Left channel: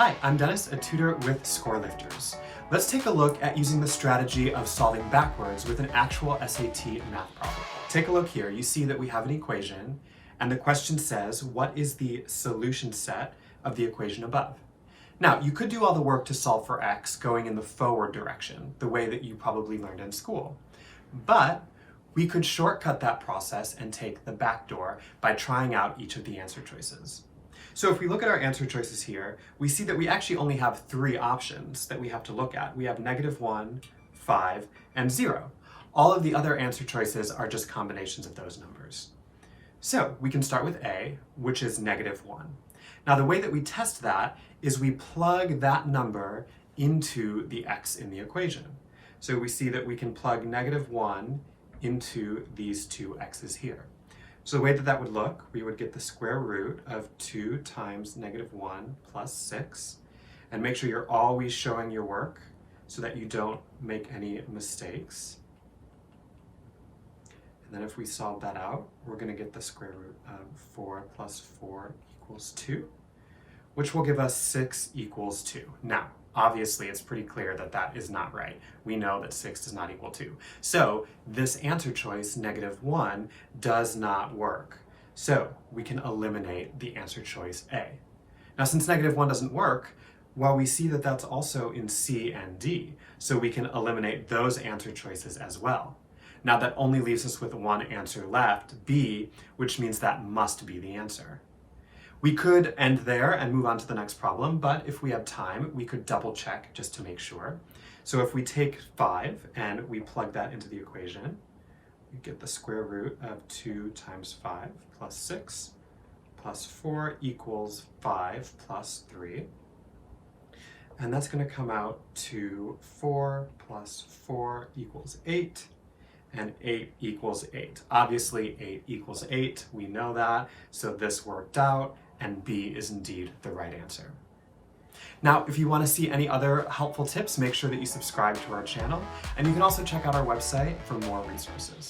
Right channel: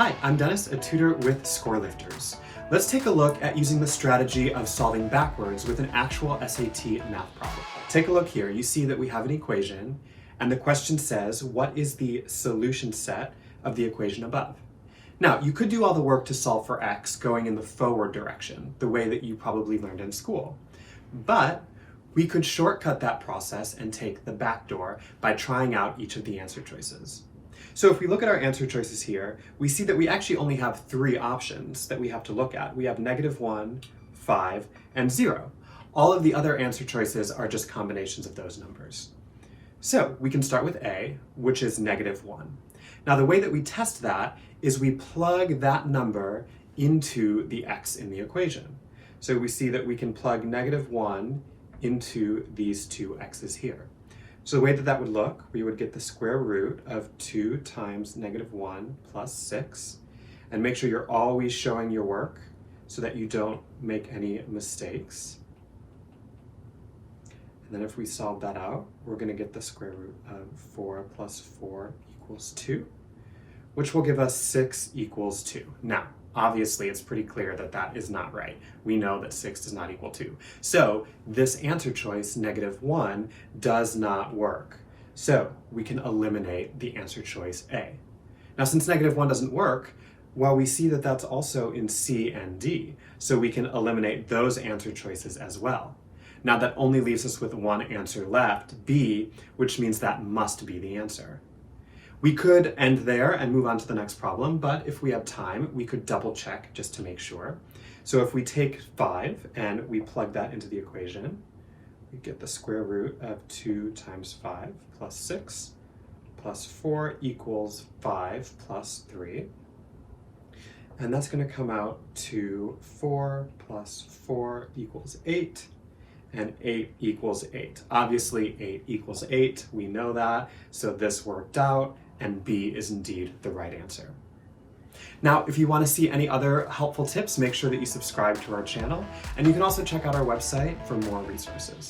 Hi, I'm Dennis, a tutor with Score Lifters. Let's take a look at using the strategy of solving backwards with an actual SAT math problem. Take a look here. You see that we have an equation, and the question says, what is the solution set of the equation above? Now, you could do all the work to solve for x going in the forward direction, the way that you probably learned in school. But we could shortcut that process and take the back door by trying out each of the answer choices. So if we look at our answer choices here, we see that we actually only have three options that we have to look at. We have -1, 5, and 0. All of the other answer choices are just combinations of those numbers. So we can start with A, which is -1. Now the way that we test that is we plug that number into the x in the equation. So we see that we can plug -1 into these two x's here. So the way that that would look, we would get the square root of 2 times -1 plus 6, and make sure you're always showing your work so that you don't make any mistakes. And then if we solve that out, we're going to get the square root of 4 plus 4 equals 2, which will give us 6 equals 2. Now, obviously, it's pretty clear that that is not right. We know that 6 does not equal 2. So this answer choice, -1, does not work. So we can eliminate the answer choice A. Now, since -1 doesn't work, well, we see that that's also in C and D. So we can eliminate those answer choices as well. Now that only leaves us with one answer left, B, which means that must be the answer. We could end there and move on to the next problem, but if we have time, we could double check just to make sure. So if we take 5 and we plug that into the equation, we get the square root of 2 times 5 plus 6 plus 4 equals 5 plus 3. And that's going to come out to 4 plus 4 equals 8. And 8 equals 8. Obviously, 8 equals 8. We know that. So this worked out, and B is indeed the right answer. Now, if you want to see any other helpful tips, make sure that you subscribe to our channel, and you can also check out our website for more resources.